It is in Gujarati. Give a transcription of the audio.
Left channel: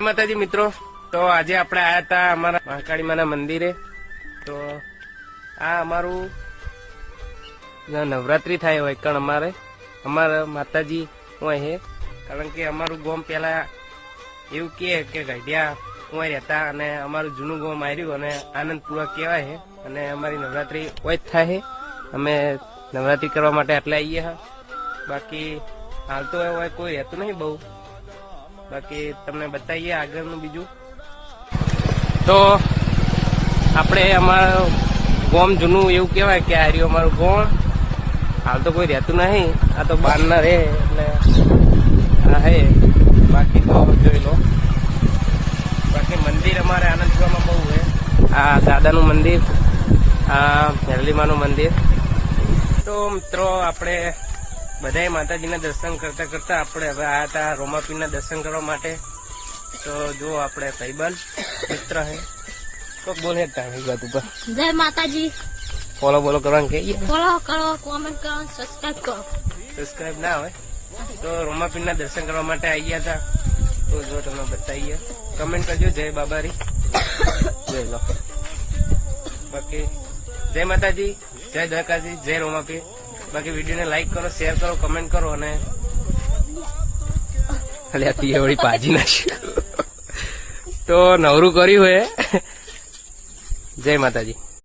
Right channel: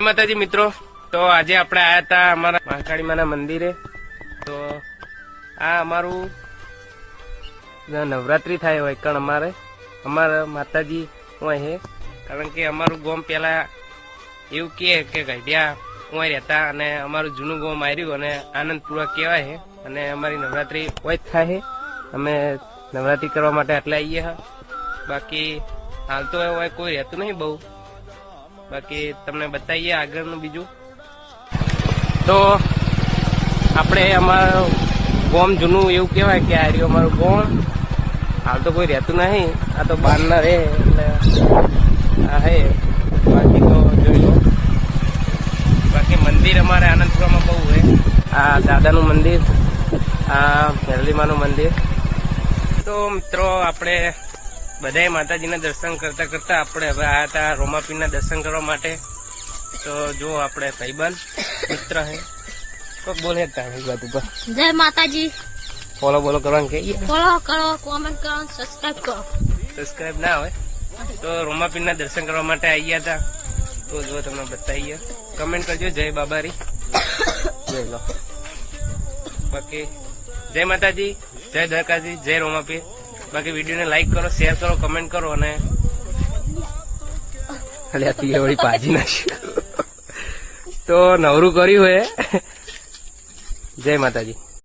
માતાજી મિત્રો, તો આજે આપણે આયા હતા અમારા મહાકાળી માના મંદિરે। તો આ અમારું નવરાત્રી થાય હોય કણ અમારા માતાજી હોય હે, કારણ કે અમારું ગામ પેલા એવું કે ગઢિયા હોય રહેતા અને અમારું જૂનું ગામ આવ્યું અને આનંદપુરા કહેવાય છે અને અમારી નવરાત્રી હોય જ થાય છે। અમે નવરાત્રી કરવા માટે આટલા આવીએ હા, બાકી હાલ તો હોય કોઈ રહેતું નહીં બહુ, બાકી તમને બતાવીએ આગળનું બીજું। તો આપણે અમારું ગામ જૂનું એવું કહેવાય કે આ રહ્યું અમારું ગામ, હાલ તો કોઈ રહેતું નહીં, આ તો બહારના રહે એટલે આ હે, બાકી તો જોઈ લો। બાકી મંદિર અમારે આનંદપુરામાં બહુ છે, આ દાદાનું મંદિર, આ મેરલીમાનું મંદિર। તો મિત્રો આપણે બધાએ માતાજીના દર્શન કરતા કરતા આપણે હવે આવ્યા હતા રોમાપીરના દર્શન કરવા માટે। તો જો આપણે ભાઈબંધ મિત્ર હે તો બોલે વાત ઉપર જય માતાજી। ફોલો બોલો કરવાનું કહીએ, ફોલો કરો, કોમેન્ટ કરો, સબસ્ક્રાઇબ કરો। સબસ્ક્રાઇબ ના હોય તો રોમાપીરના દર્શન કરવા માટે આવ્યા હતા, તો જો તમને બતાવીએ, કમેન્ટ કરજો જય બાબારી, જોઈ લો। બાકી જય માતાજી, જય દ્વારકાજી, જય રોમાપી। બાકી વિડીયોને લાઈક કરો, શેર કરો, કમેન્ટ કરો અને વળી પાજી નાખ્યું તો નવરું કર્યું હે। જય માતાજી।